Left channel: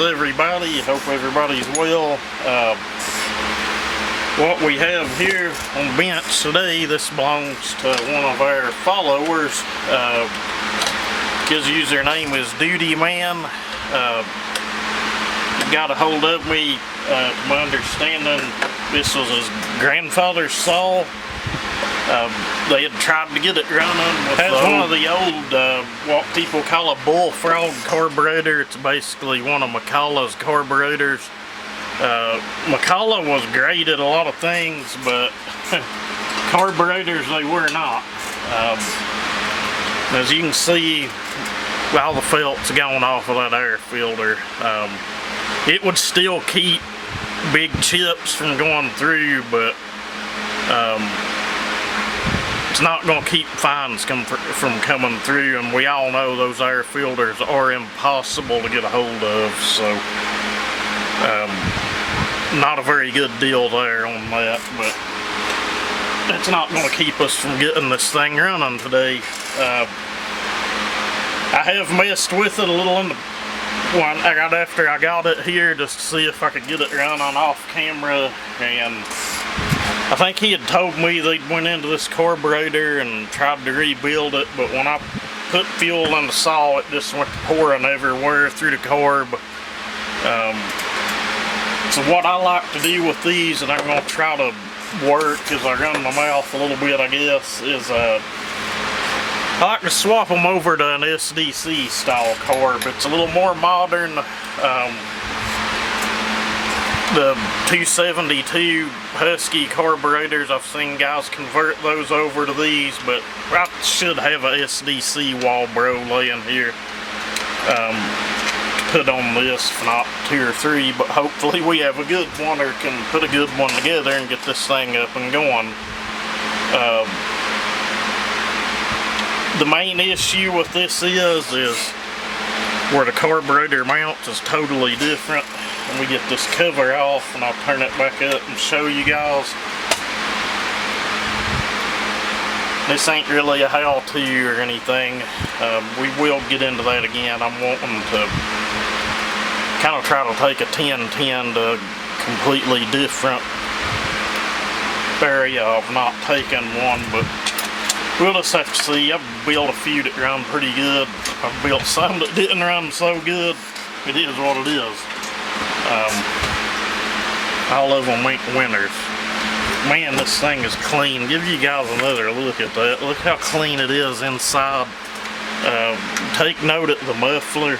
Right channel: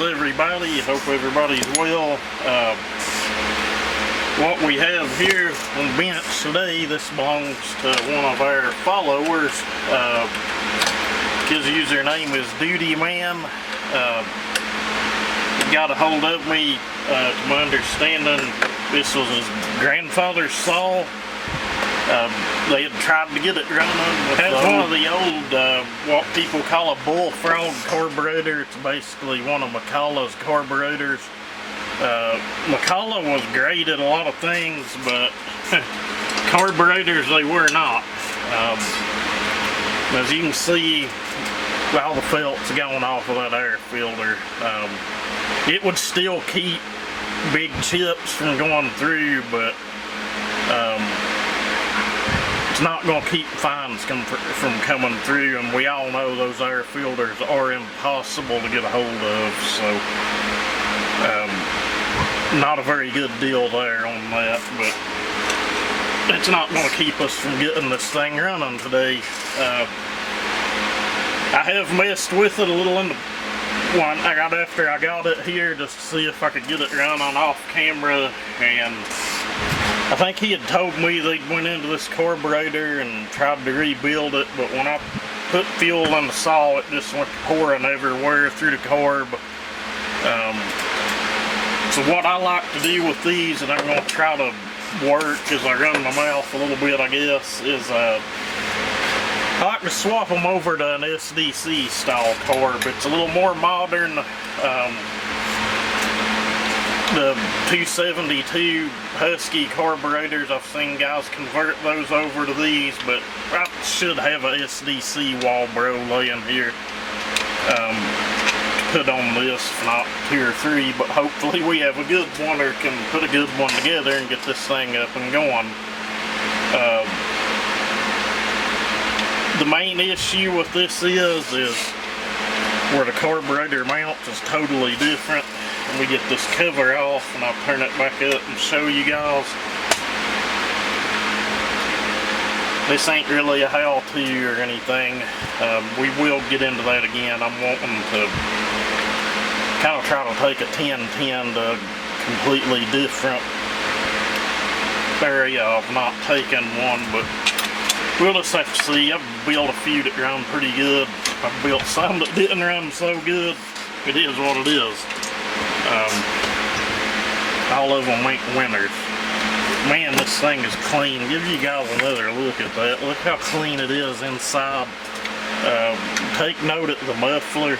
is everybody? Hope everybody's well. What we have here on the bench today, this belongs to one of our followers. His username is Duty Man. He got a hold of me, to my understanding, this was his grandfather's saw. They had tried to get it running with one of the old, what people call a Bullfrog carburetor. It's basically one of McCulloch's carburetors. McCulloch was great at a lot of things, but carburetors they were not. As you can see, all the felt's going off of that air filter. It would still keep big chips from going through, but it's not going to keep fines from coming through, and we all know those air filters are impossible to get a hold of, so not a very good deal there on that, but it's not going to keep us from getting this thing running today. I have messed with it a little in the one after I got it here, just to see if I could get it running off camera, and I think he had told me they'd went into this carburetor and tried to rebuild it, but when I put fuel in the saw, it just went pouring everywhere through the carb. So what I like to do with these, and I'm going to try to work as I run my mouth a little bit, I guess, is I like to swap them over to an SDC style carb. It's a little more modern. The 272 Husky carburetors, I've seen guys convert those over to these, but I should have a SDC wall bro laying here to put on this, if not 2 or 3, but hopefully we have a good one or can put a good one together and get this thing up and going. The main issue with this is where the carburetor mounts is totally different. We get this cover off, and I'll turn it back up and show you guys. This ain't really a how-to or anything. We will get into that again. I'm wanting to kind of try to take a 1010 to completely different area of not taking one, but we'll just have to see. I've built a few that run pretty good. I've built some that didn't run so good. It is what it is. All of them ain't winners. Man, this thing is clean. Give you guys another look at that. Look how clean it is inside. Take note of the muffler.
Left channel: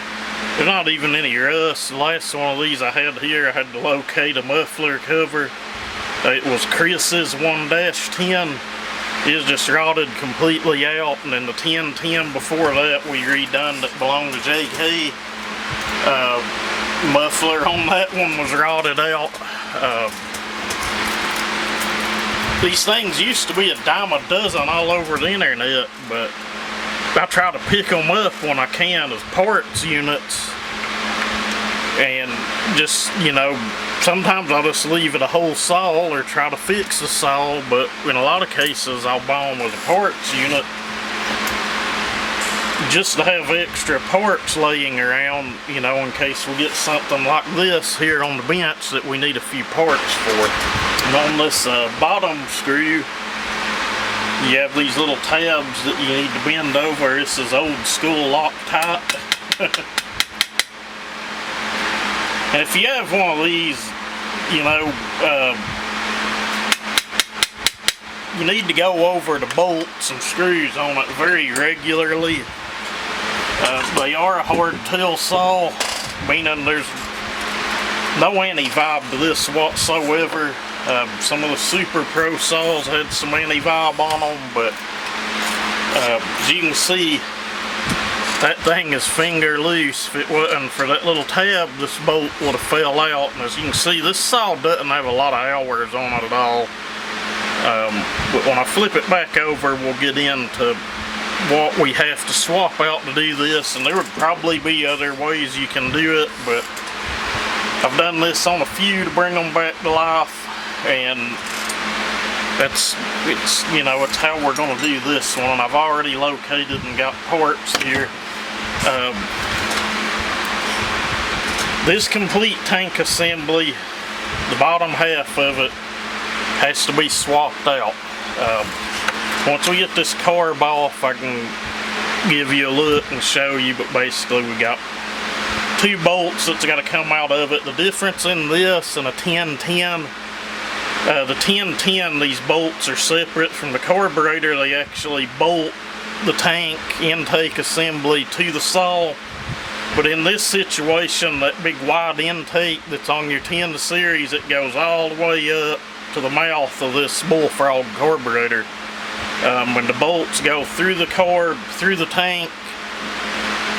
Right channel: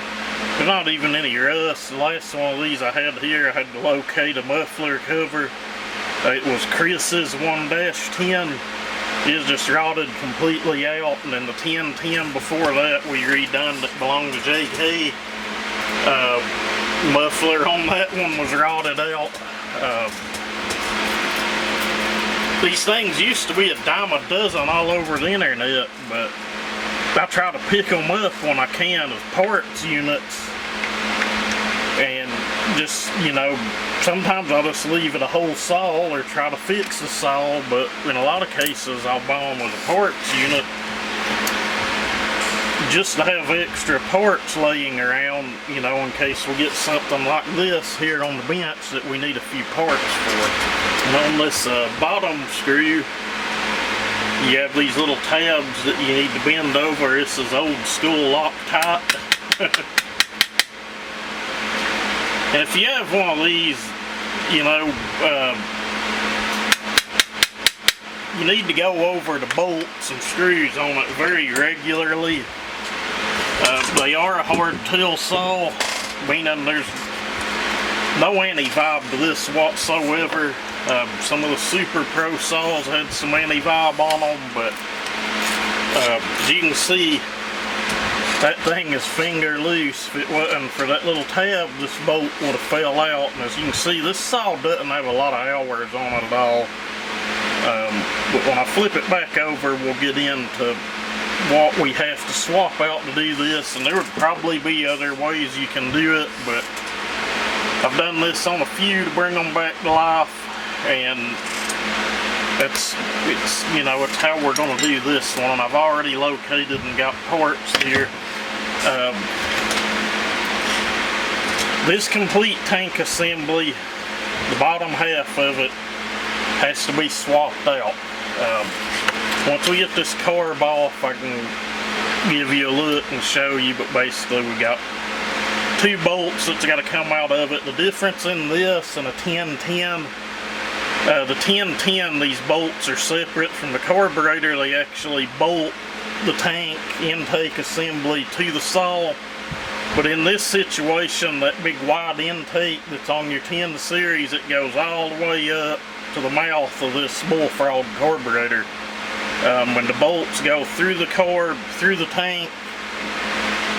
There's not even any rust. The last one of these I had here, I had to locate a muffler cover. It was Chris's 1-10. It was just rotted completely out, and then the 1010 before that we redone that belonged to JK. Muffler on that one was rotted out. These things used to be a dime a dozen all over the internet, but I try to pick them up when I can as parts units, and just, you know, sometimes I'll just leave it a whole saw or try to fix the saw, but in a lot of cases I'll buy them with a parts unit just to have extra parts laying around, you know, in case we get something like this here on the bench that we need a few parts for. And on this bottom screw, you have these little tabs that you need to bend over. This is old school Loctite. And if you have one of these, you know, you need to go over the bolts and screws on it very regularly. They are a hardtail saw, meaning there's no anti-vibe to this whatsoever. Some of the Super Pro saws had some anti-vibe on them, but as you can see, that thing is finger loose. If it wasn't for that little tab, this bolt would have fell out. And as you can see, this saw doesn't have a lot of hours on it at all. But when I flip it back over, we'll get into what we have to swap out to do this, and there would probably be other ways you can do it, but I've done this on a few to bring them back to life, and it's how we're going to do this one. I've already located and got parts here. This complete tank assembly, the bottom half of it has to be swapped out. Once we get this carb off, I can give you a look and show you, but basically we got 2 bolts that's got to come out of it. The difference in this and a 1010, the 1010, these bolts are separate from the carburetor. They actually bolt the tank intake assembly to the saw. But in this situation, that big wide intake that's on your 10 series, it goes all the way up to the mouth of this Bullfrog carburetor. When the bolts go through the carb, through the tank,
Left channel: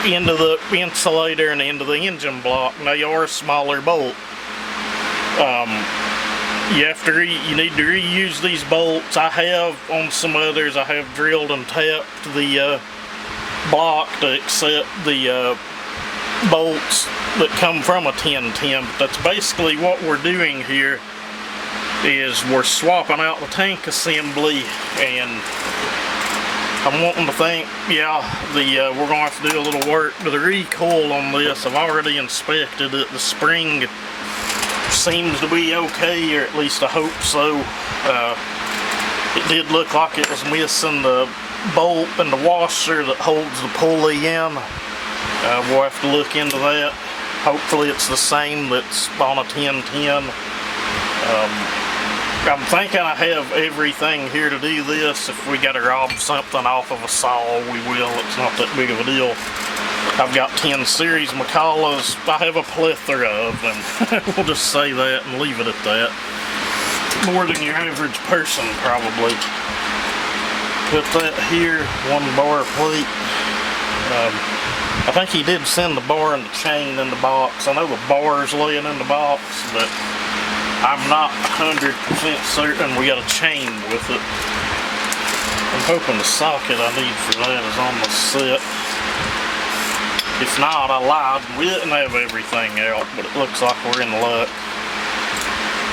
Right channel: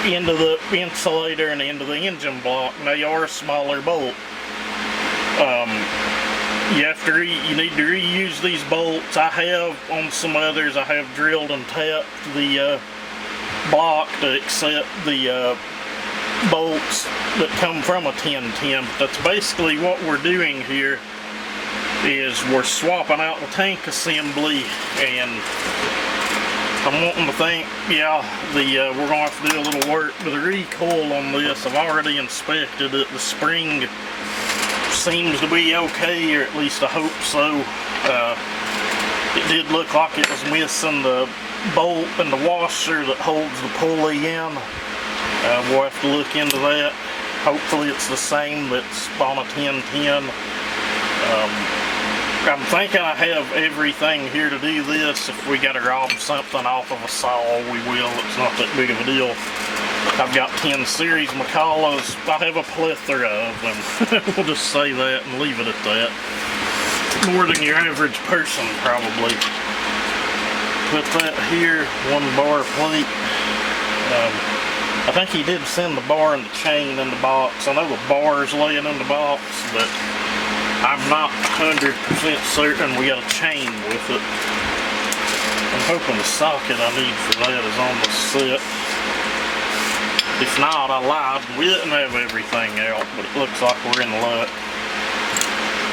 into the insulator and into the engine block, and they are a smaller bolt. You need to reuse these bolts. I have on some others, I have drilled and tapped the block to accept the bolts that come from a 1010. That's basically what we're doing here, is we're swapping out the tank assembly, and I'm wanting to think, yeah, we're going to have to do a little work to the recoil on this. I've already inspected it. The spring seems to be okay, or at least I hope so. It did look like it was missing the bolt and the washer that holds the pulley in. We'll have to look into that. Hopefully it's the same that's on a 1010. I'm thinking I have everything here to do this. If we got to rob something off of a saw, we will. It's not that big of a deal. I've got 10 series McCullochs. I have a plethora of them. We'll just say that and leave it at that. More than your average person, probably. Put that here, 1 bar plate. I think he did send the bar and the chain in the box. I know the bar's laying in the box, but I'm not 100% certain we got a chain with it. I'm hoping the socket I need for that is on the set. If not, I lied. We didn't have everything out, but it looks like we're in luck.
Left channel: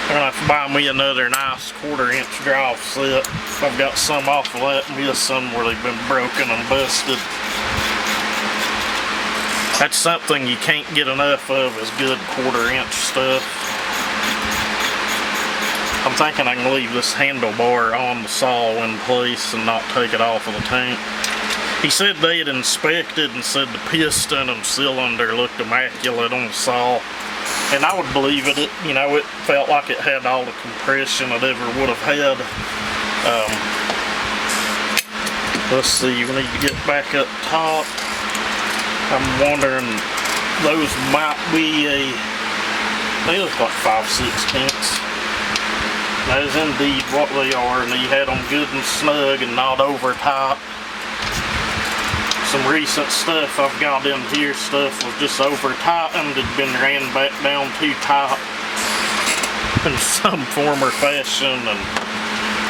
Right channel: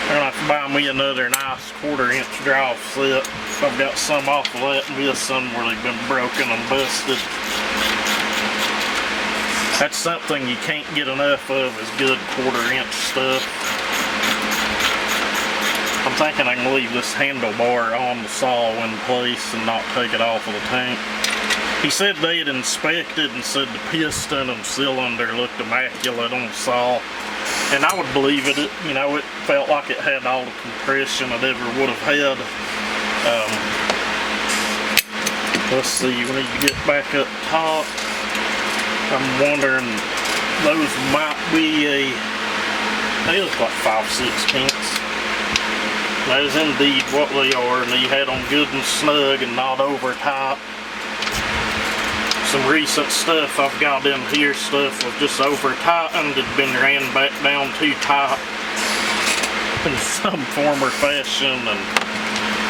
I'm gonna have to buy me another nice 1/4 inch drive set. I've got some off of that missing where they've been broken and busted. That's something you can't get enough of, is good 1/4 inch stuff. I'm thinking I can leave this handlebar on the saw in place and not take it off of the tank. He said they had inspected and said the piston and cylinder looked immaculate on the saw. And I would believe it. You know, it felt like it had all the compression it ever would have had. Let's see, we need to get back up top. I'm wondering, those might be they look like 5/16. That is indeed what they are, and he had them good and snug and not over tight. Some recent stuff I've got in here, stuff was just over tightened, had been ran back down too tight in some form or fashion, and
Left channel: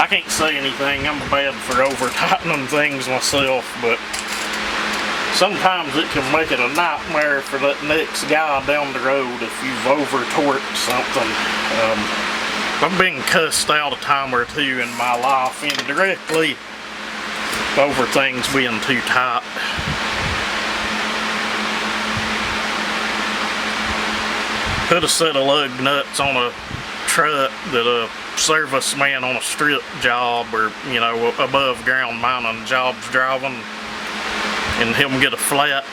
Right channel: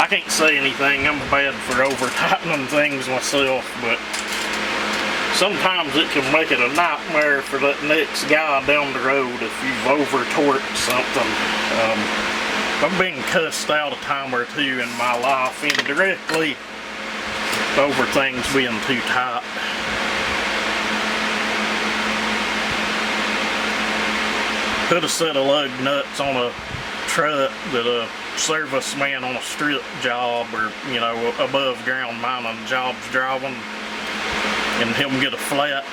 I can't say anything. I'm bad for over tightening things myself, but sometimes it can make it a nightmare for that next guy down the road if you've over torqued something. I've been cussed out a time or two in my life indirectly over things being too tight. Put a set of lug nuts on a truck that a serviceman on a strip job, or, you know, above ground mining job's driving, and he'll get a flat.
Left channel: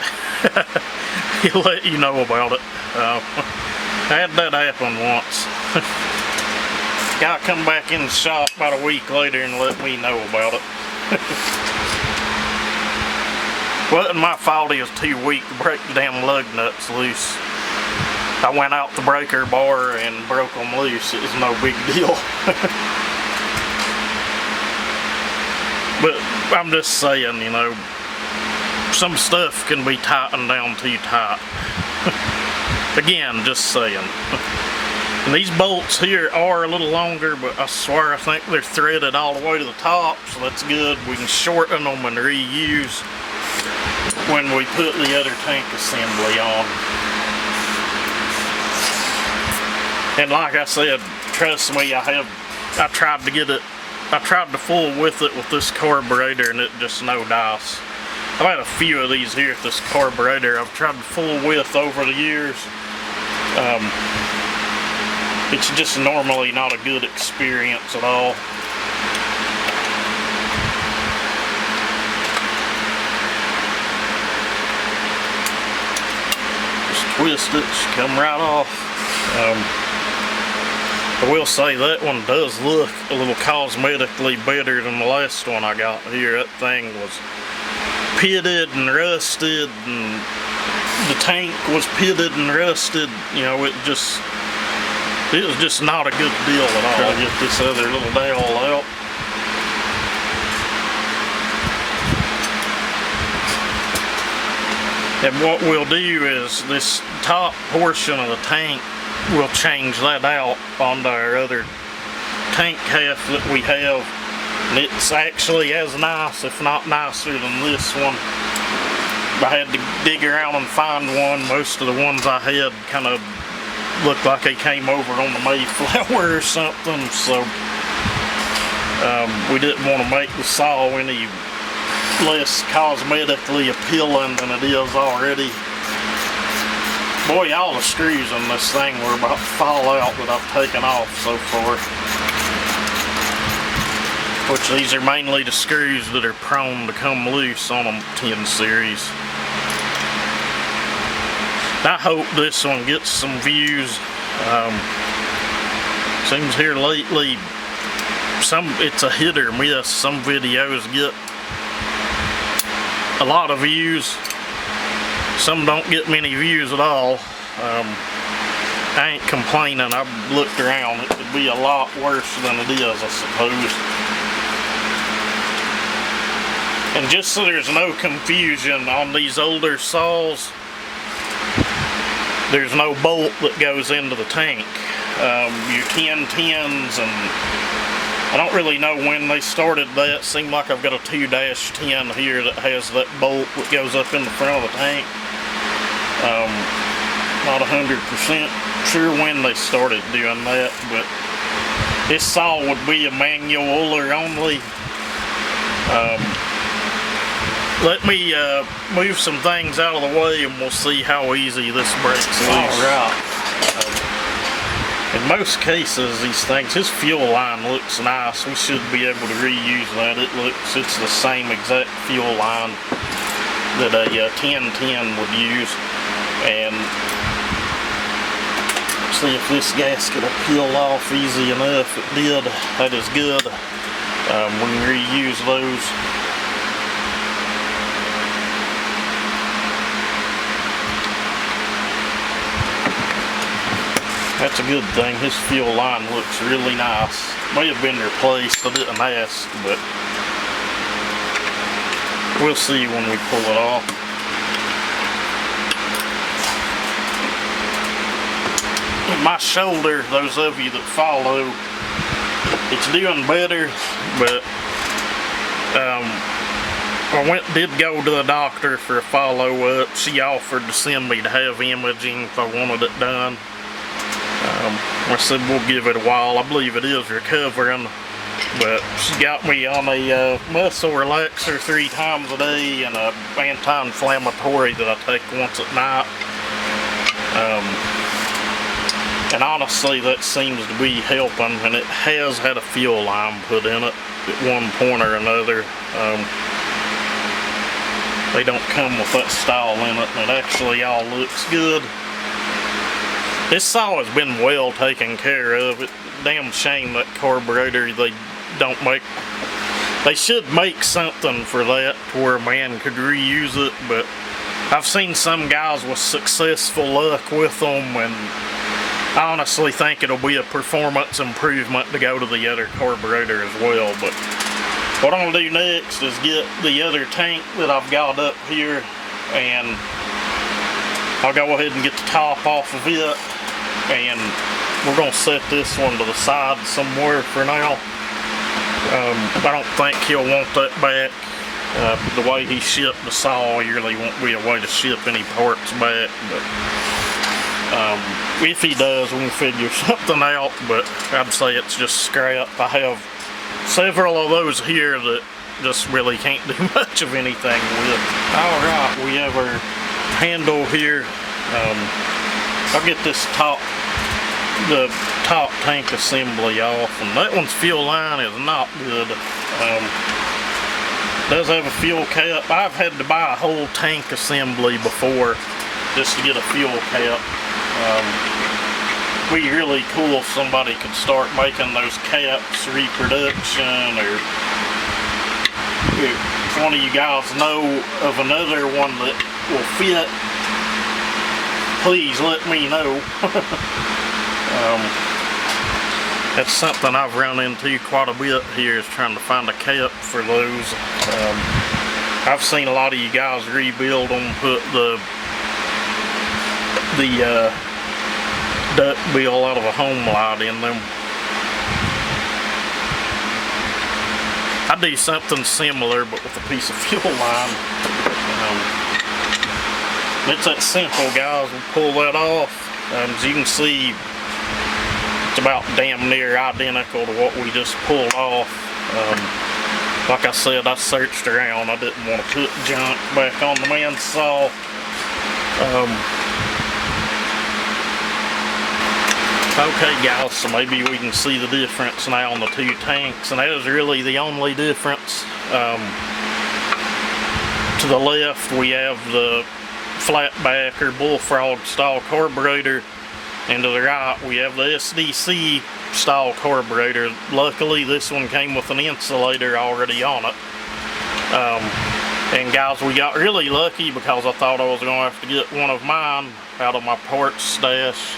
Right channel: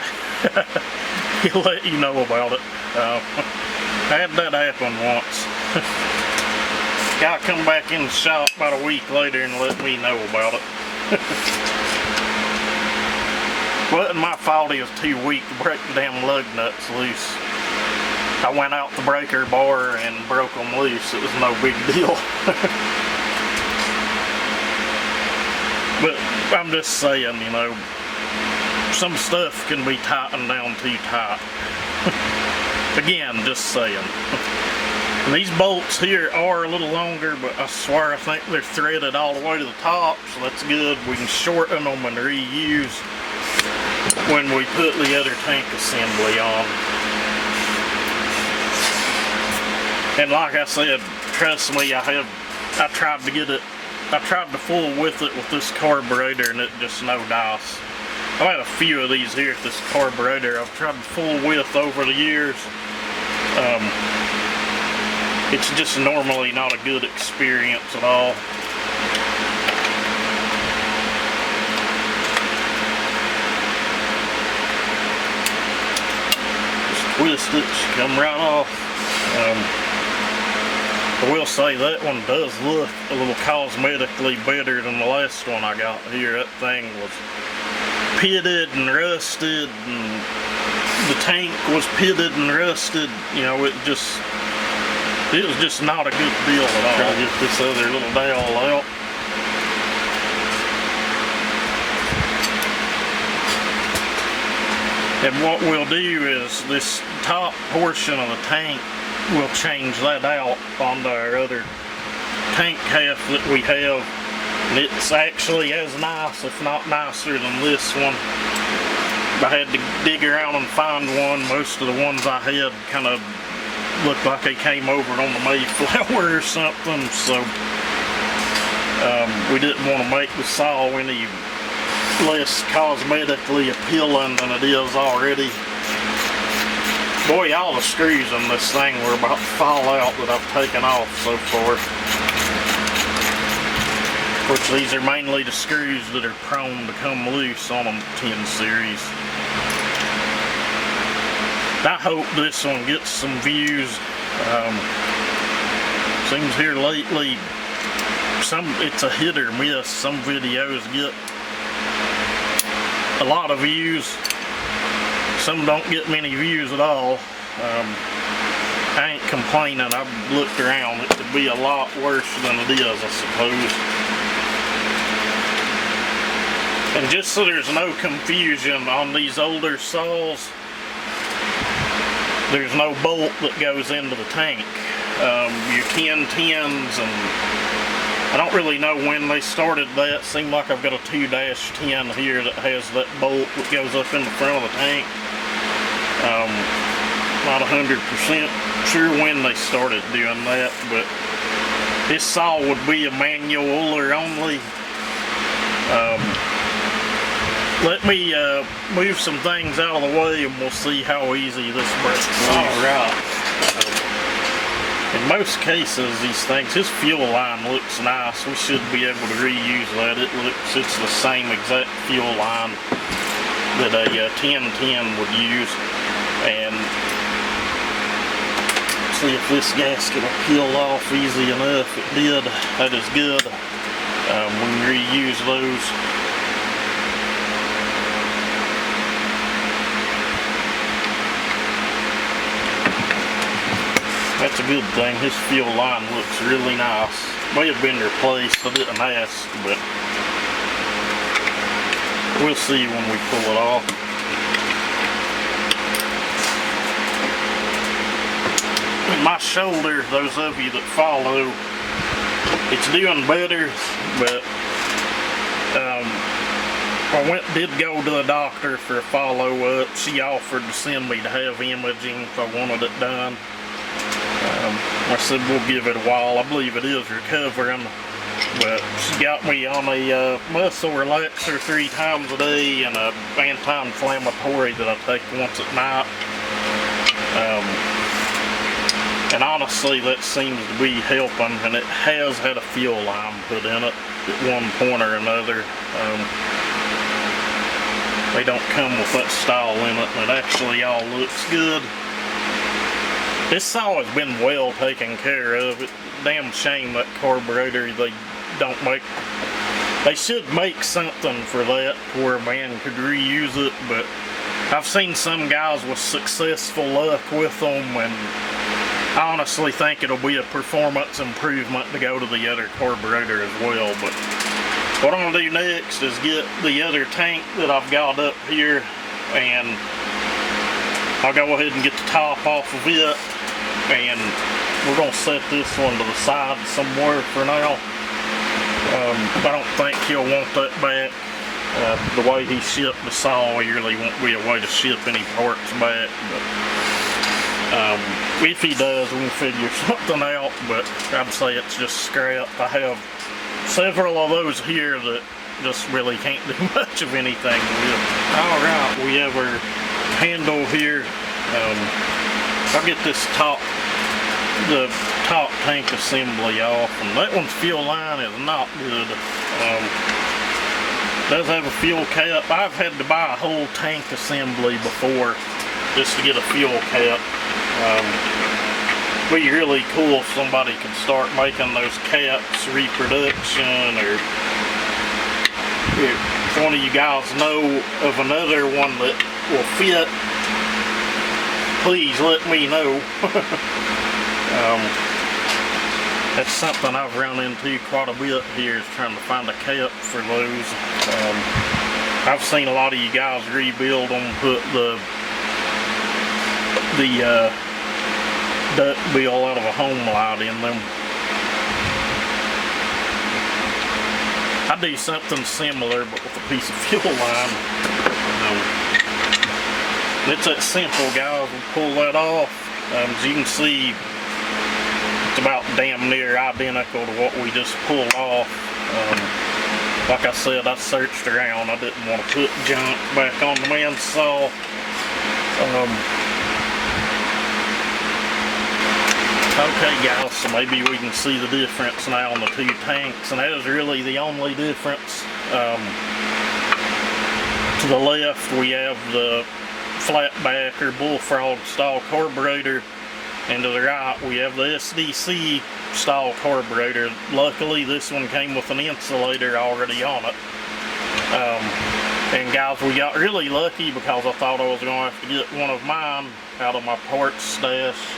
He'll let you know about it. I had that happen once. Guy come back in the shop about a week later and let me know about it. Wasn't my fault he was too weak to break the damn lug nuts loose. I went out the breaker bar and broke them loose. It was no big deal. But I'm just saying, you know, some stuff can be tightened down too tight. Again, just saying. And these bolts here are a little longer, but I swear I think they're threaded all the way to the top, so that's good. We can shorten them and reuse when we put the other tank assembly on. And like I said, trust me, I tried to fool with it with this carburetor, and it just no dice. I've had a few of these here at this carburetor I've tried to fool with over the years, It's just normally not a good experience at all. Just twist it, come right off. I will say that one does look a little cosmetically better than the last one I got here. That thing was pitted and rusted, and the tank was pitted and rusted. You know, it was just not a good deal at all. Try to get this other little dowel out. And what we'll do is this top portion of the tank, we'll change that out onto our other tank half that we have. And it's actually as nice, if not nicer than this one. I had to dig around and find one. Most of the ones I had kind of looked like they came over on the Mayflower or something, so we didn't want to make the saw any less cosmetically appealing than it is already. Boy, all the screws in this thing were about to fall out that I've taken off so far. Which these are mainly the screws that are prone to come loose on a 10 series. I hope this one gets some views. Seems here lately, it's a hit or miss. Some videos get a lot of views. Some don't get many views at all. I ain't complaining. I've looked around. It could be a lot worse than it is, I suppose. And just so there's no confusion, on these older saws, there's no bolt that goes into the tank. Your 1010s, and I don't really know when they started that. Seemed like I've got a 2-10 here that has that bolt that goes up in the front of the tank. Not 100% sure when they started doing that, but this saw would be a manual Uller only. Let me move some things out of the way and we'll see how easy this breaks loose. Alright. In most cases, these things, his fuel line looks nice. We should be able to reuse that. It's the same exact fuel line that a 1010 would use. And see if this gasket will peel off easy enough. It did. That is good. We can reuse those. That's a good thing. His fuel line looks really nice. May have been replaced. I didn't ask, but we'll see when we pull it off. My shoulder, those of you that follow, it's doing better, but I did go to the doctor for a follow-up. She offered to send me to have imaging if I wanted it done. I said we'll give it a while. I believe it is recovering, but she got me on a muscle relaxer 3 times a day and a anti-inflammatory that I take once at night. And honestly, that seems to be helping, and it has had a fuel line put in it at one point or another. They don't come with that style in it, and it actually all looks good. This saw has been well taken care of. It's a damn shame that carburetor they don't make. They should make something for that where a man could reuse it, but I've seen some guys with successful luck with them, and I honestly think it'll be a performance improvement to go to the other carburetor as well. But what I'm gonna do next is get the other tank that I've got up here, and I'll go ahead and get the top off of it, and we're gonna set this one to the side somewhere for now. I don't think he'll want that back. The way he shipped the saw, really won't be a way to ship any parts back, but if he does, we can figure something out. But I'd say it's just scrap. I have several of those here that just really can't do much of anything with. Alright, we have our handle here. I'll get this the top tank assembly off, and that one's fuel line is not good. Does have a fuel cap. I've had to buy a whole tank assembly before just to get a fuel cap. Be really cool if somebody could start making those caps, reproduction, or if one of you guys know of another one that will fit, please let me know. That's something I've run into quite a bit here, is trying to find a cap for those. I've seen a lot of you guys rebuild them, put the duck bill out of a home light in them. I do something similar, but with a piece of fuel line. It's that simple, guys. We'll pull that off. As you can see, it's about damn near identical to what we just pulled off. Like I said, I searched around. I didn't want to put junk back on the man's saw. Okay guys, so maybe we can see the difference now on the two tanks, and that is really the only difference. To the left we have the flatback or Bullfrog style carburetor, and to the right we have the SDC style carburetor. Luckily this one came with an insulator already on it. And guys, we got really lucky because I thought I was going to have to get one of mine out of my parts stash.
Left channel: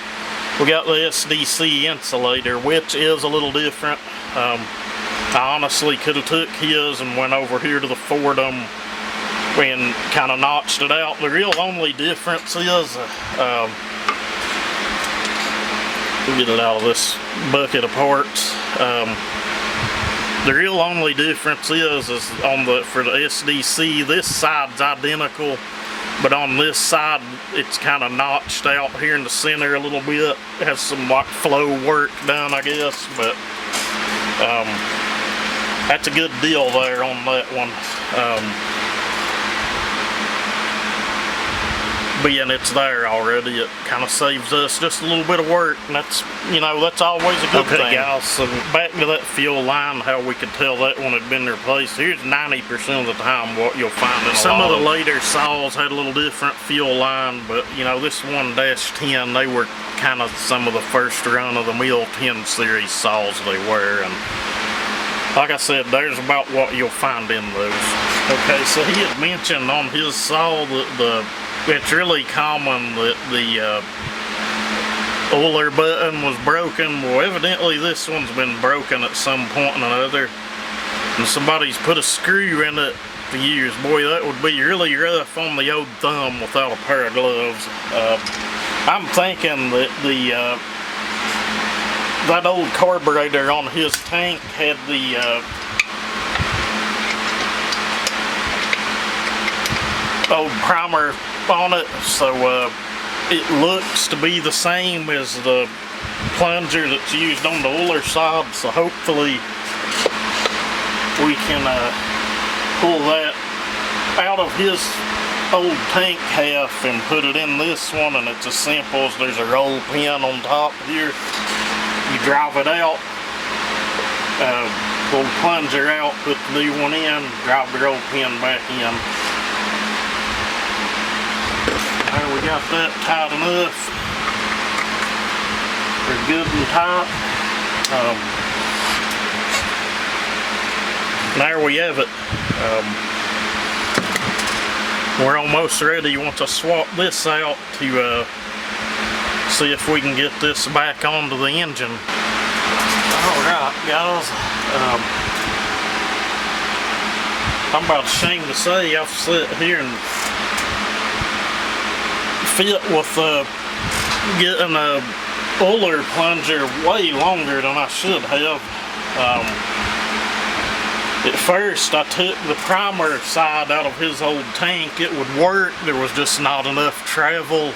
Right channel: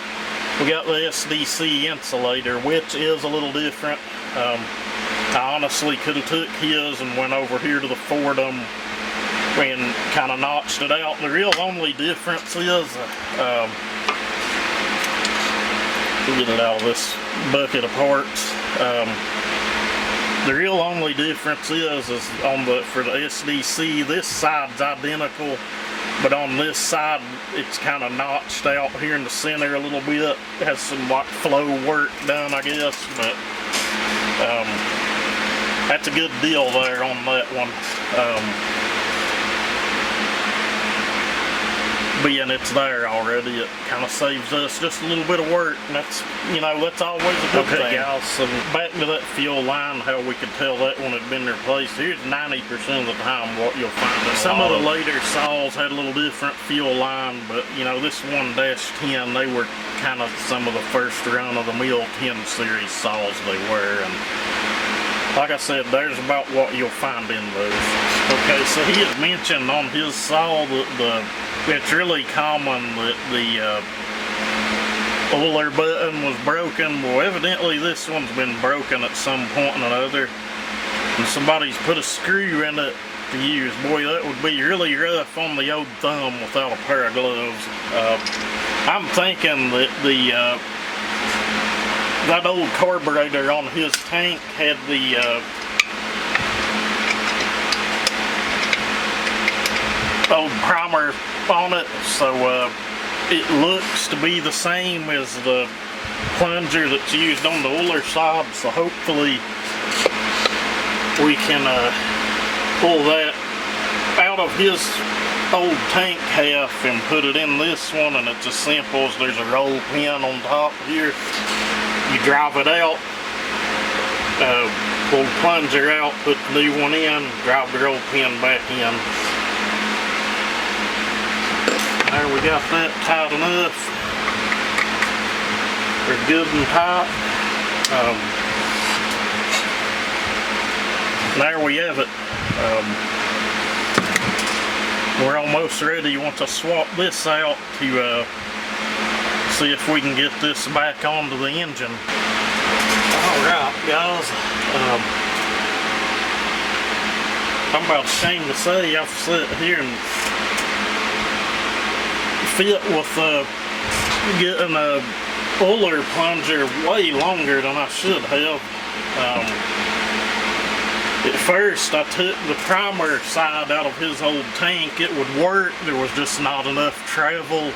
We got the SDC insulator, which is a little different. I honestly could have took his and went over here to the Fordham and kind of notched it out. The real only difference is, we'll get it out of this bucket of parts. The real only difference is on for the SDC, this side's identical, but on this side it's kind of notched out here in the center a little bit. It has some like flow work done, I guess, but that's a good deal there on that one. Being it's there already, it kind of saves us just a little bit of work, and that's, you know, that's always a good thing. Guys, so back to that fuel line, how we could tell that one had been replaced. Here's 90% of the time what you'll find. Some of the later saws had a little different fuel line, but you know, this 1-10, they were kind of some of the first run of the mill 10 series saws they were, and like I said, there's about what you'll find in those. Okay, so he had mentioned on his saw that it's really common that the oiler button was broken. Well, evidently this one's been broken at some point or another, and somebody's put a screw in it to use. Boy, that would be really rough on the old thumb without a pair of gloves. I'm thinking that that old carburetor on his tank had the old primer on it, so it looks to be the same as the plunger that's used on the oiler side, so hopefully we can pull that out of his old tank half and put it in this one. And it's as simple as there's a roll pin on top here. You drive it out, pull the plunger out, put the new one in, drive the roll pin back in. There, we got that tight enough. We're good and tight. There we have it. We're almost ready once I swap this out to see if we can get this back onto the engine. Alright guys, I'm about ashamed to say I've sat here and fit with getting a oiler plunger way longer than I should have. At first I took the primer side out of his old tank. It would work, there was just not enough travel.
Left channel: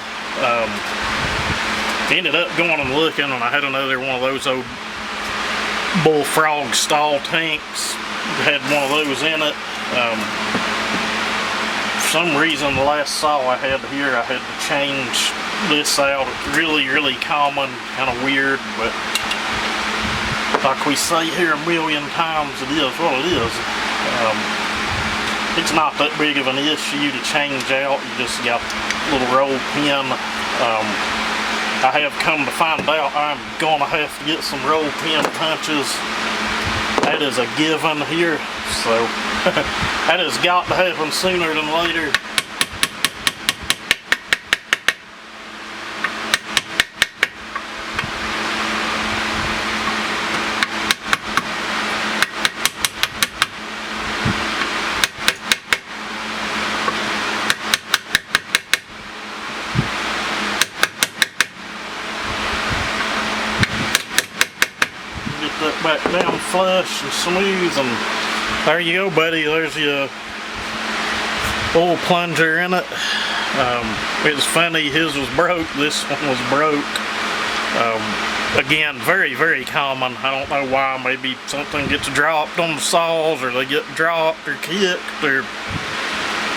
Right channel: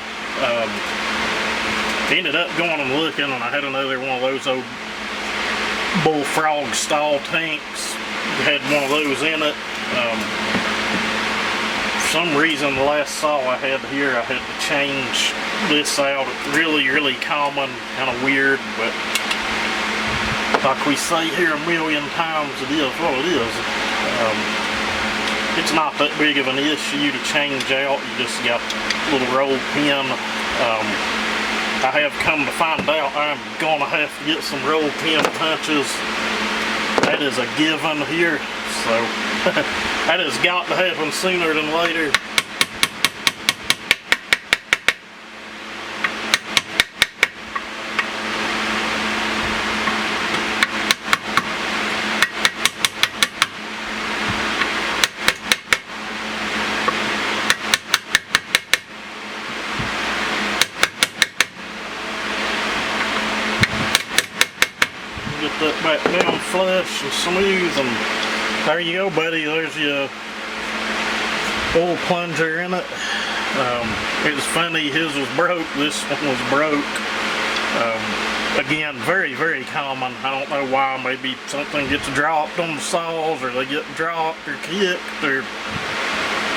Ended up going and looking, and I had another one of those old Bullfrog style tanks. Had one of those in it. For some reason the last saw I had here, I had to change this out. Really common, kind of weird, but like we say here a million times, it is what it is. It's not that big of an issue to change out. You just got a little roll pin. I have come to find out I'm gonna have to get some roll pin punches. That is a given here, so that has got to happen sooner than later. Get that back down flush and smooth, and there you go, buddy. There's your oil plunger in it. It's funny, his was broke, this one was broke. Again, very common. I don't know why. Maybe something gets dropped on the saws, or they get dropped or kicked, or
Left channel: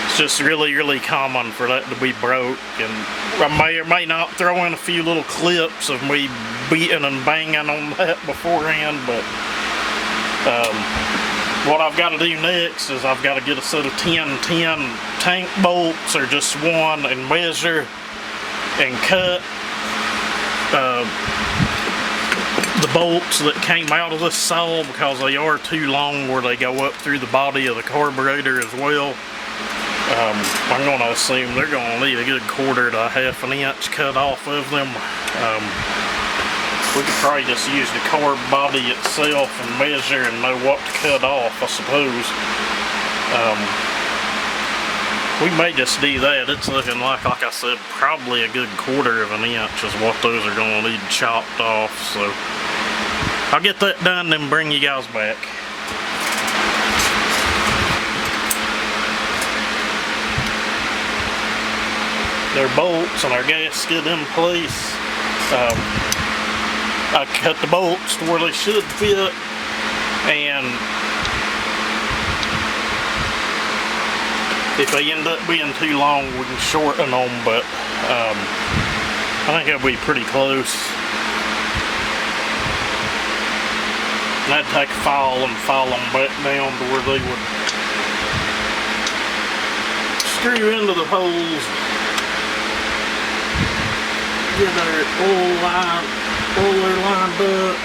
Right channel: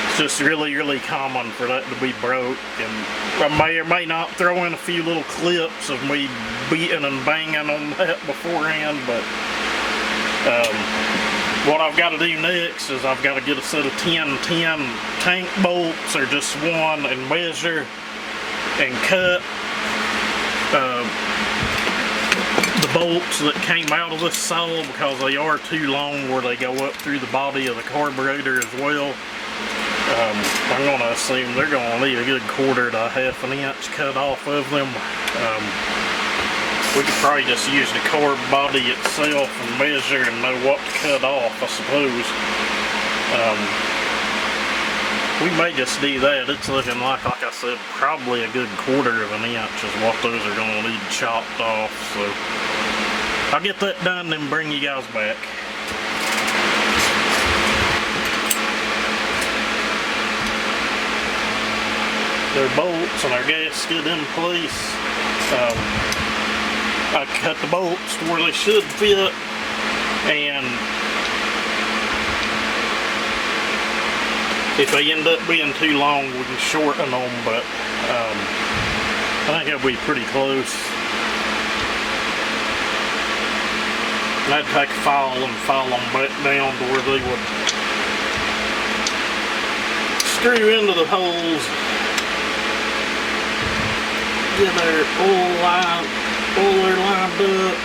it's just really common for that to be broke. And I may or may not throw in a few little clips of me beating and banging on that beforehand, but what I've got to do next is I've got to get a set of 10-10 tank bolts, or just one, and measure and cut the bolts that came out of this saw, because they are too long where they go up through the body of the carburetor as well. I'm going to assume they're going to need a good 1/4 to 1/2 inch cut off of them. We could probably just use the carb body itself and measure and know what to cut off, I suppose. We may just do that. It's looking like I said, probably a good 1/4 inch is what those are going to need chopped off. So I'll get that done and bring you guys back. Their bolts and our gasket in place. I cut the bolts to where they should fit, and if they end up being too long, we can shorten them, but I think it'll be pretty close. And I'd take a file and file them back down to where they would screw into the holes. Get their oiler lined up.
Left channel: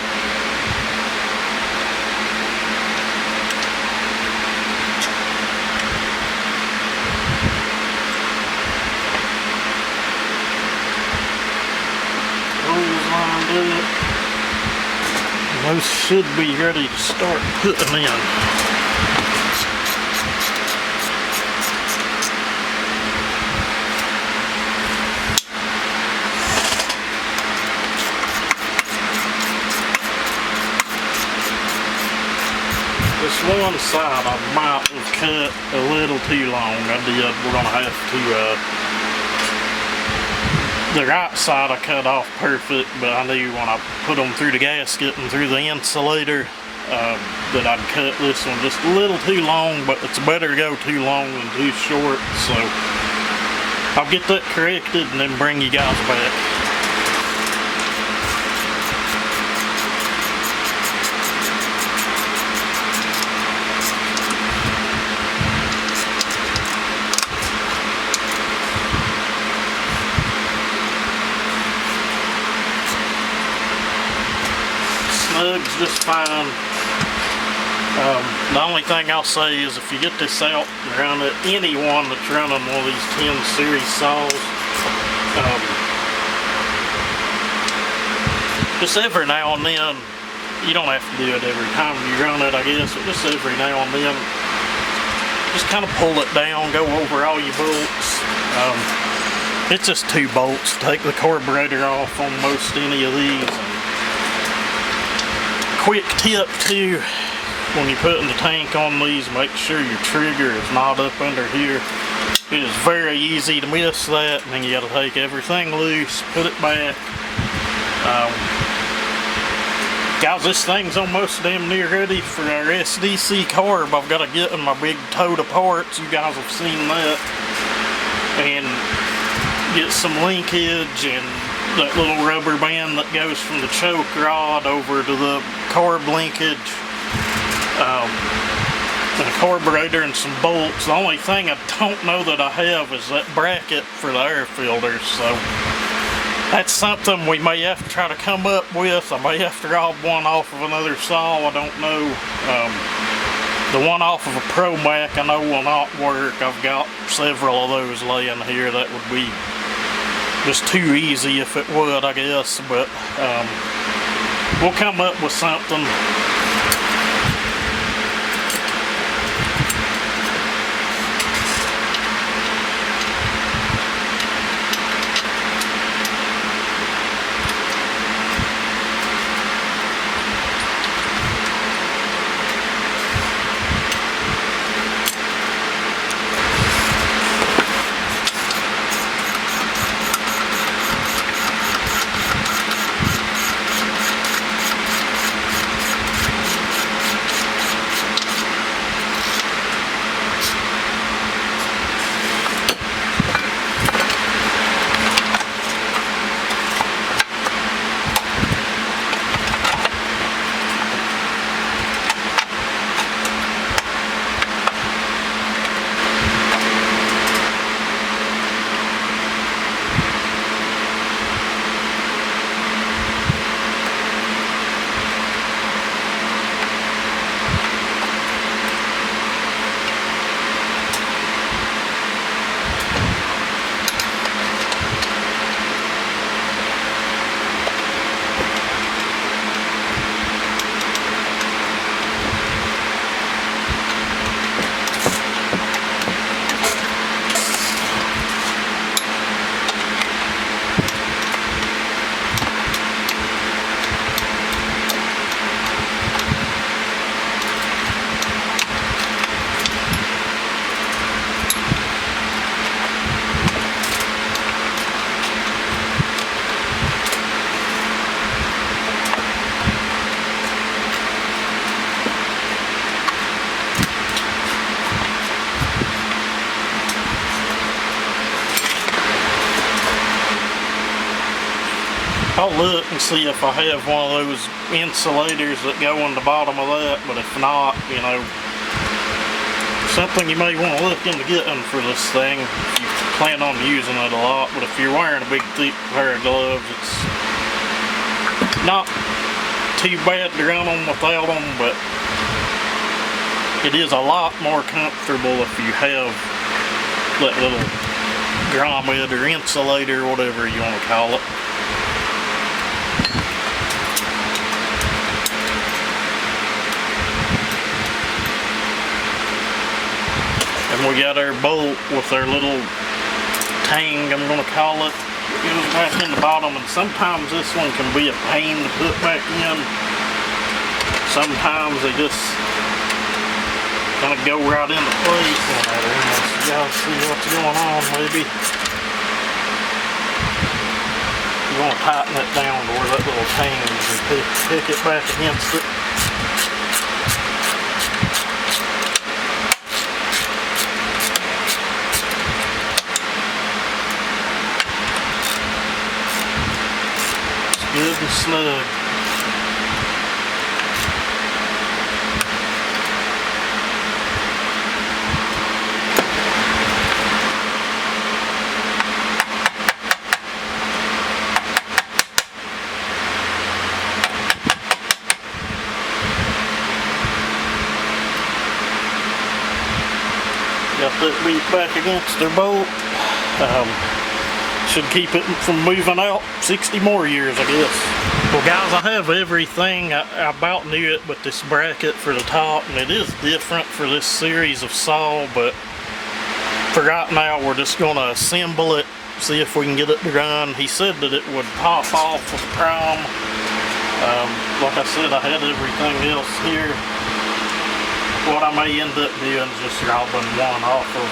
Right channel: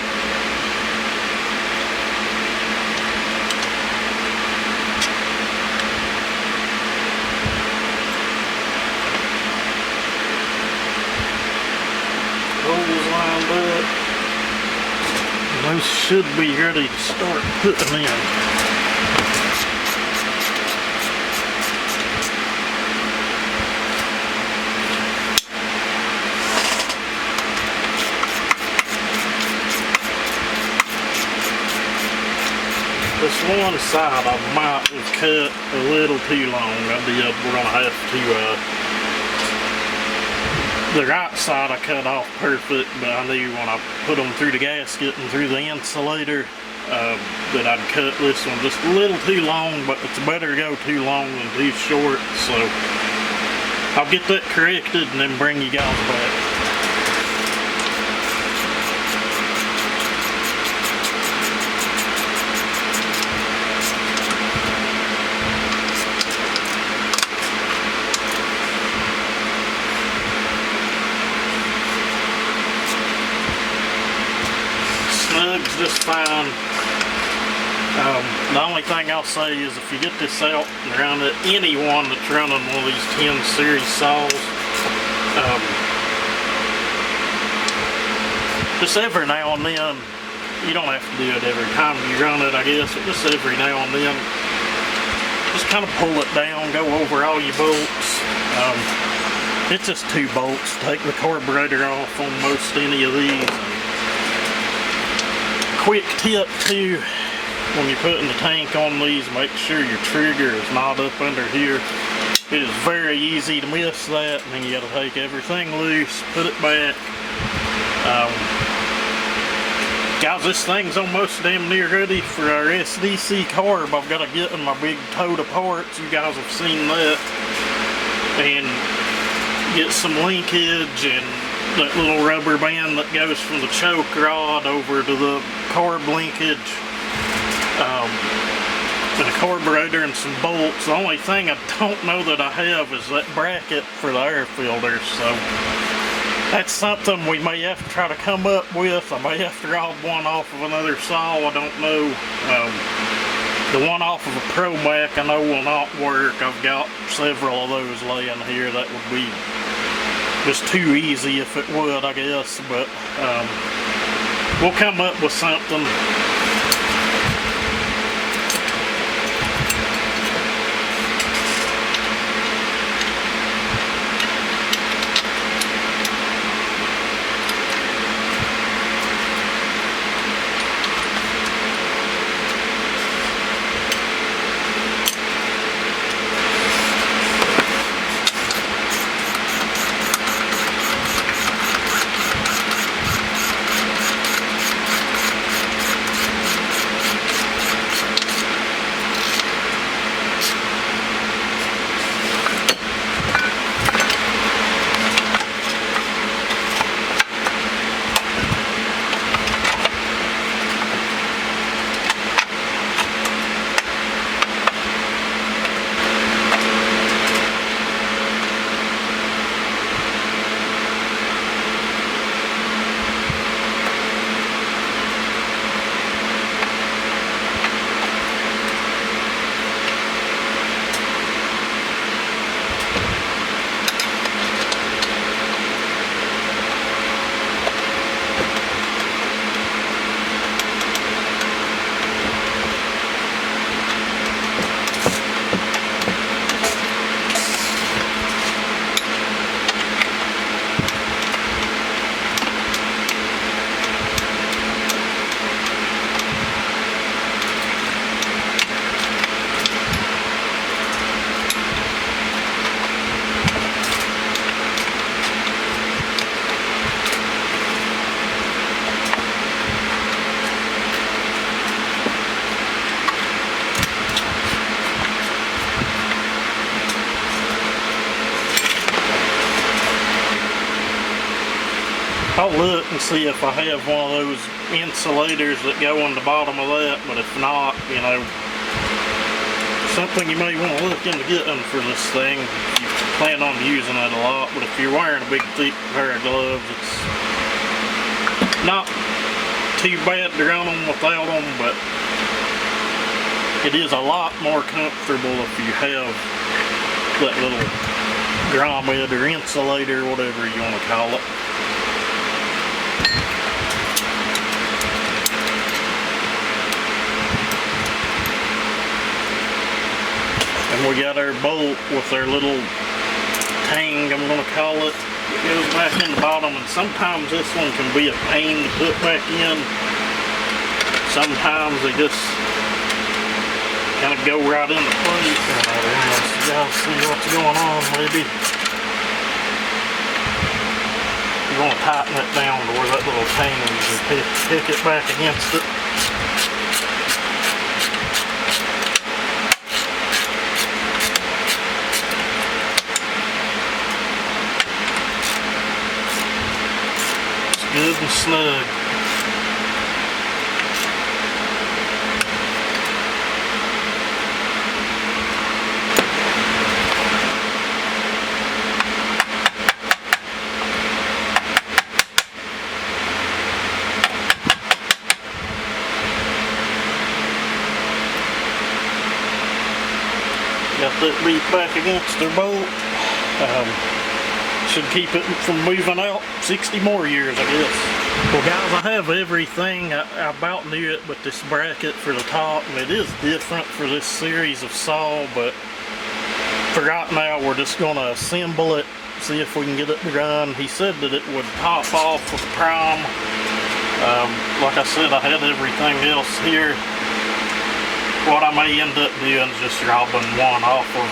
Holes lined up. And those should be ready to start putting in. This one side I might have cut a little too long. We're going to have to, the right side I cut off perfect, but I knew when I put them through the gasket and through the insulator that I'd cut this one just a little too long, but it's better to go too long than too short, so I'll get that corrected and then bring you guys back. Snug's just fine. The only thing I'll say is if you get this out and run it, anyone that's running one of these 10 series saws, just every now and then, you don't have to do it every time you run it, I guess, but just every now and then, just kind of pull it down, go over all your bolts. It's just 2 bolts to take the carburetor off on most any of these. Quick tip too, when you're putting the tank on these, make sure your trigger is not up under here. It is very easy to miss that, and then you got to take everything loose, put it back. Guys, this thing's almost damn near ready for our SDC carb. I've got to get in my big tote of parts. You guys have seen that. And get some linkage and that little rubber band that goes from the choke rod over to the carb linkage, and a carburetor and some bolts. The only thing I don't know that I have is that bracket for the air filters, so that's something we may have to try to come up with. I may have to rob one off of another saw, I don't know. The one off of a Pro Mac I know will not work. I've got several of those laying here. That would be just too easy if it would, I guess, but we'll come up with something. I'll look and see if I have one of those insulators that go on the bottom of that, but if not, you know, something you may want to look into getting for this thing if you plan on using it a lot. But if you're wearing a big thick pair of gloves, it's not too bad to run them without them, but it is a lot more comfortable if you have that little grommet or insulator, whatever you want to call it. And we got our bolt with our little tang, I'm going to call it. It goes back in the bottom, and sometimes this one can be a pain to put back in. Sometimes they just kind of go right into place. So y'all see what's going on, maybe. You want to tighten it down to where that little tang is and pick it back against it. Good and snug. Got that beat back against their bolt. Should keep it from moving out 60 more years, I guess. Well guys, I have everything. I about knew it with this bracket for the top, and it is different for this series of saw, but for right now we're just going to assemble it, see if we can get it to run. He said that it would pop off with prime. Like I said, I had everything else here. What I may end up doing is just robbing one off of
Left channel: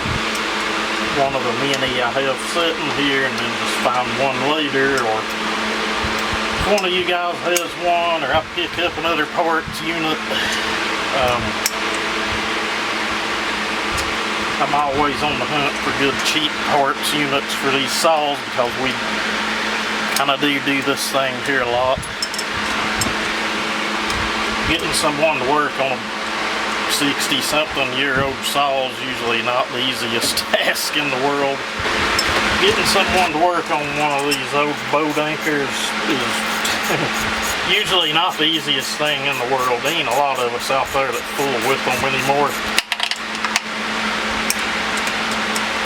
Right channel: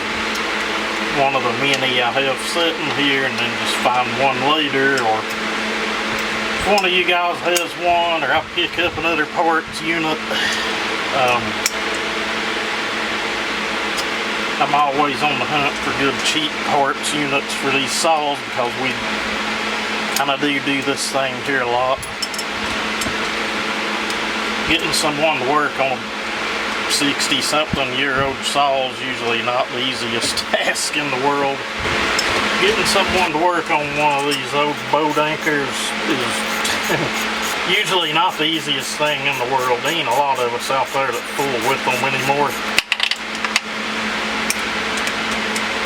one of the many I have sitting here, and then just find one later, or if one of you guys has one, or I pick up another parts unit. I'm always on the hunt for good cheap parts units for these saws because we kind of do this thing here a lot. Getting someone to work on a 60-something-year-old saw is usually not the easiest task in the world. Getting someone to work on one of these old boat anchors is usually not the easiest thing in the world. There ain't a lot of us out there that fool with them anymore.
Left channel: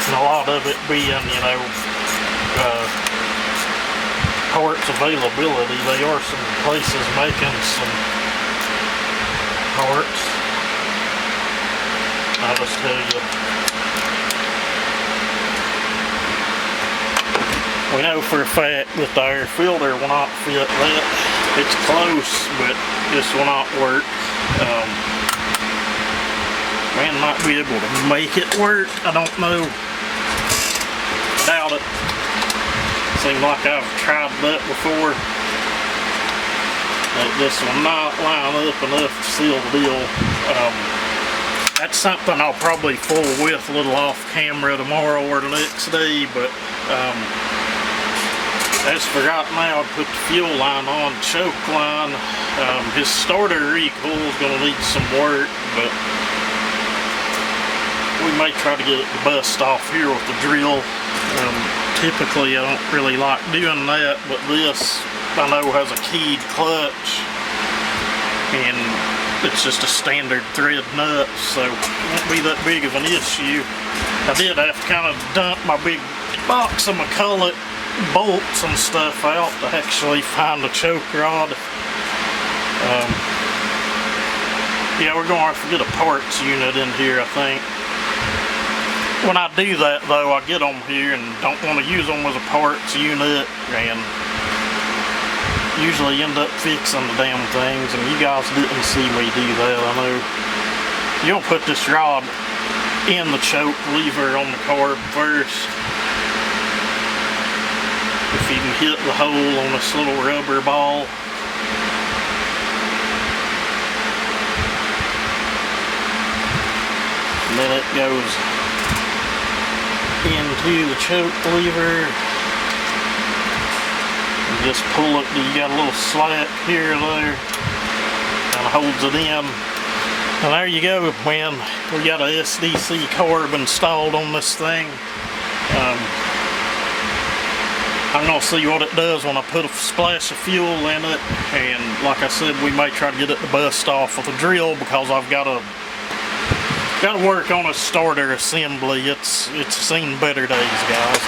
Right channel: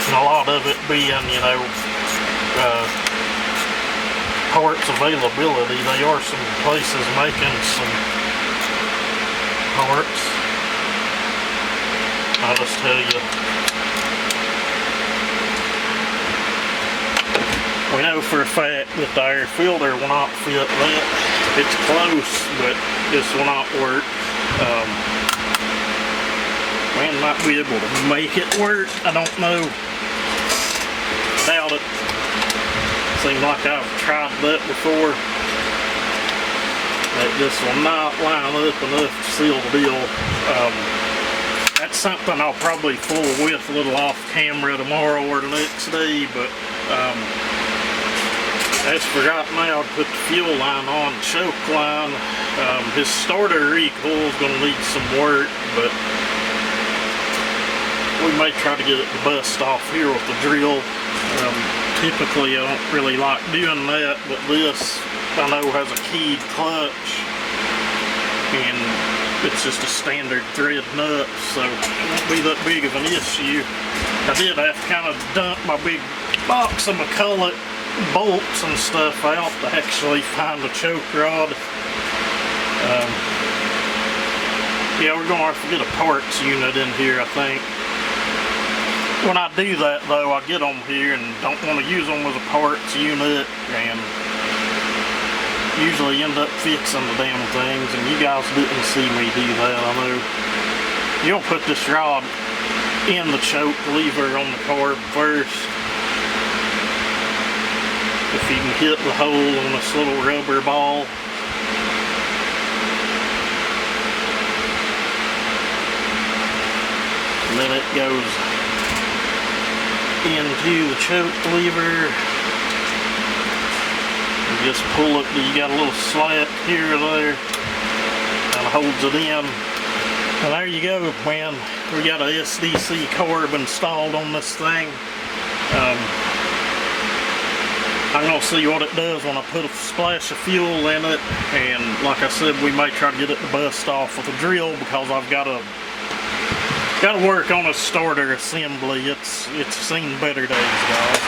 And a lot of it being, you know, parts availability. There are some places making some parts. I'll just tell you. We know for a fact that the air filter will not fit that. It's close, but this will not work. Man might be able to make it work. I don't know. Doubt it. Seems like I've tried that before. This will not line up enough to seal the deal. That's something I'll probably fool with a little off camera tomorrow or the next day, but I just forgot now to put the fuel line on, choke line. His starter recoil is going to need some work, but we may try to get it to bust off here with the drill. Typically I don't really like doing that, but this I know has a keyed clutch and it's just a standard thread nut, so it won't be that big of an issue. I did have to kind of dump my big box of McCulloch bolts and stuff out to actually find the choke rod. Yeah, we're going to have to get a parts unit in here, I think. When I do that though, I get them here and don't want to use them as a parts unit and usually end up fixing the damn things, and you guys didn't see me do that, I know. You'll put this rod in the choke lever on the carb first. If you can hit the hole on this little rubber ball. And then it goes into the choke lever. You just pull it, you got a little slack here or there, kind of holds it in. And there you go, man. We got a SDC carb installed on this thing. I'm going to see what it does when I put a splash of fuel in it, and like I said, we may try to get it to bust off with a drill because I've got to work on a starter assembly. It's seen better days, guys.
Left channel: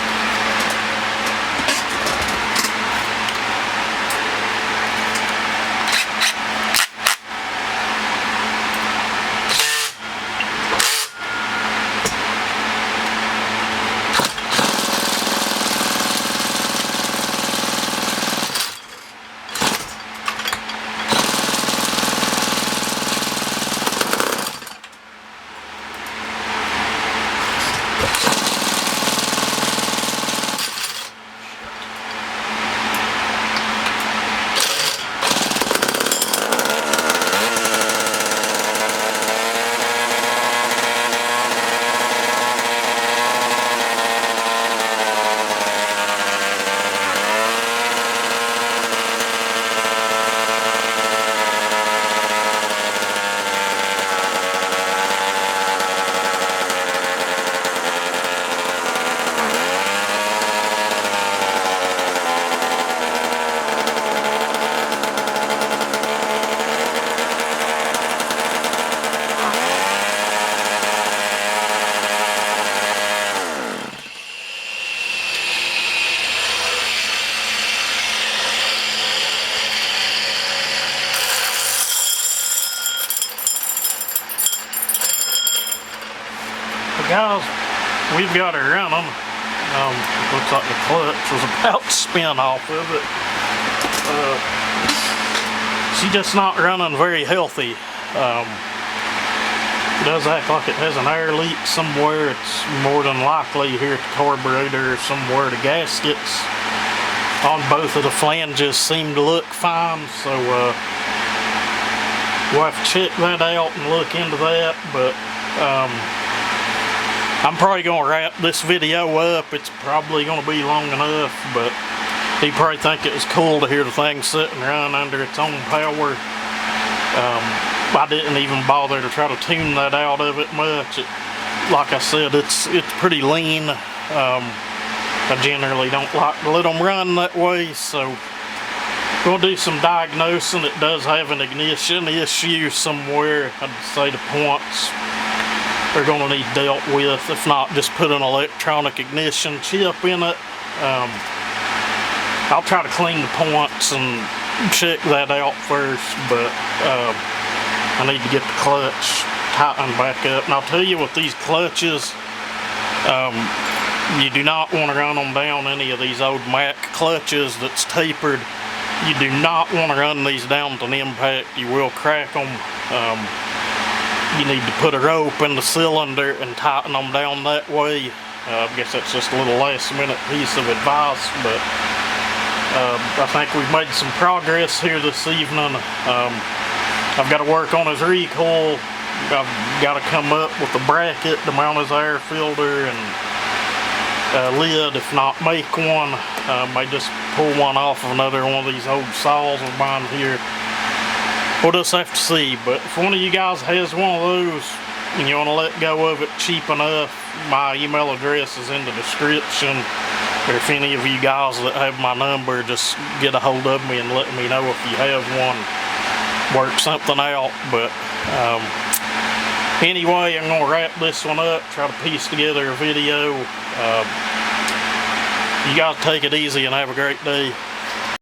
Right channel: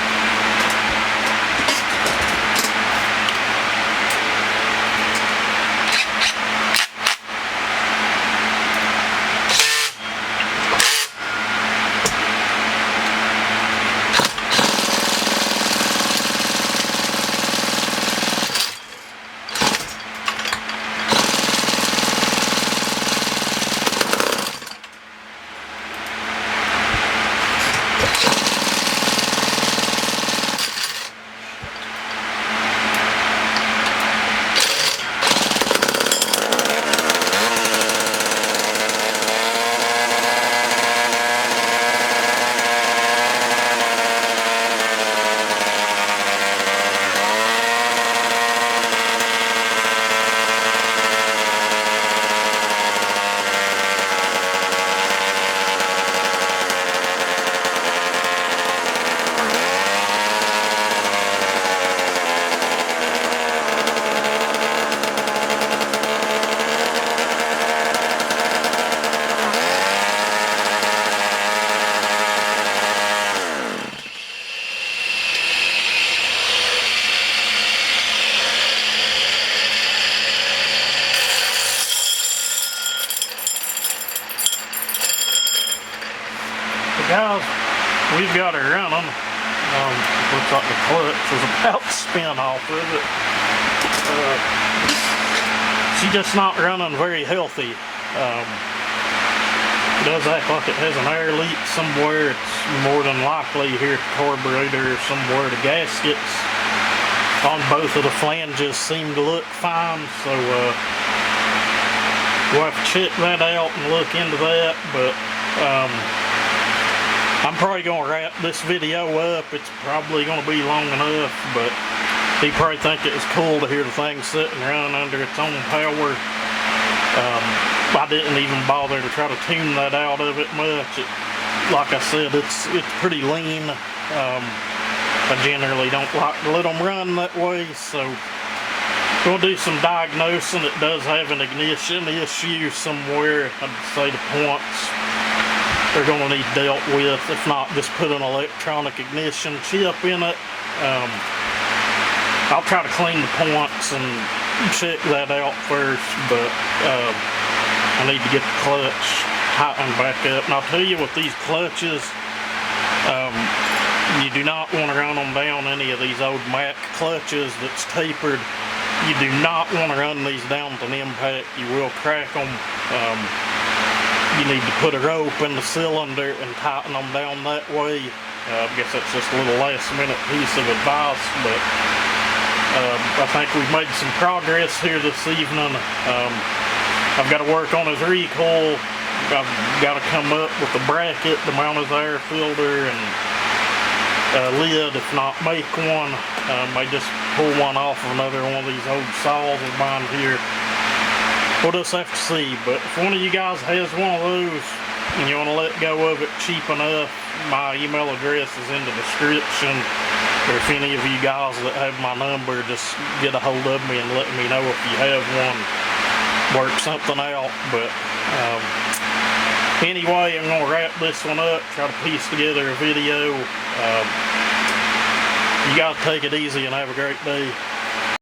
Guys, we've got her running. Looks like the clutch was about to spin off of it. She's just not running very healthy. It does act like it has an air leak somewhere. It's more than likely here at the carburetor or somewhere. The gaskets on both of the flanges seem to look fine, so we'll have to check that out and look into that. But I'm probably gonna wrap this video up. It's probably gonna be long enough, but you probably think it was cool to hear the thing sit and run under its own power. I didn't even bother to try to tune that out of it much. Like I said, it's pretty lean. I generally don't like to let them run that way, so going to do some diagnosing. It does have an ignition issue somewhere. I'd say the points are going to need dealt with. If not, just put an electronic ignition chip in it. I'll try to clean the points and check that out first, but I need to get the clutch tightened back up. And I'll tell you, with these clutches, you do not want to run them down any of these old Mac clutches that's tapered. You do not want to run these down to an impact. You will crack them. You need to put a rope in the cylinder and tighten them down that way. I guess that's just a little last minute piece of advice, but I think we've made some progress here this evening. I've got to work on his recoil. I've got to come up with a bracket to mount his air filter and lid, if not make one. May just pull one off of another one of these old saws of mine here. We'll just have to see. But if one of you guys has one of those and you want to let go of it cheap enough, my email address is in the description. Or if any of you guys that have my number, just get a hold of me and let me know if you have one. Work something out. But anyway, I'm going to wrap this one up, try to piece together a video. You guys take it easy and have a great day.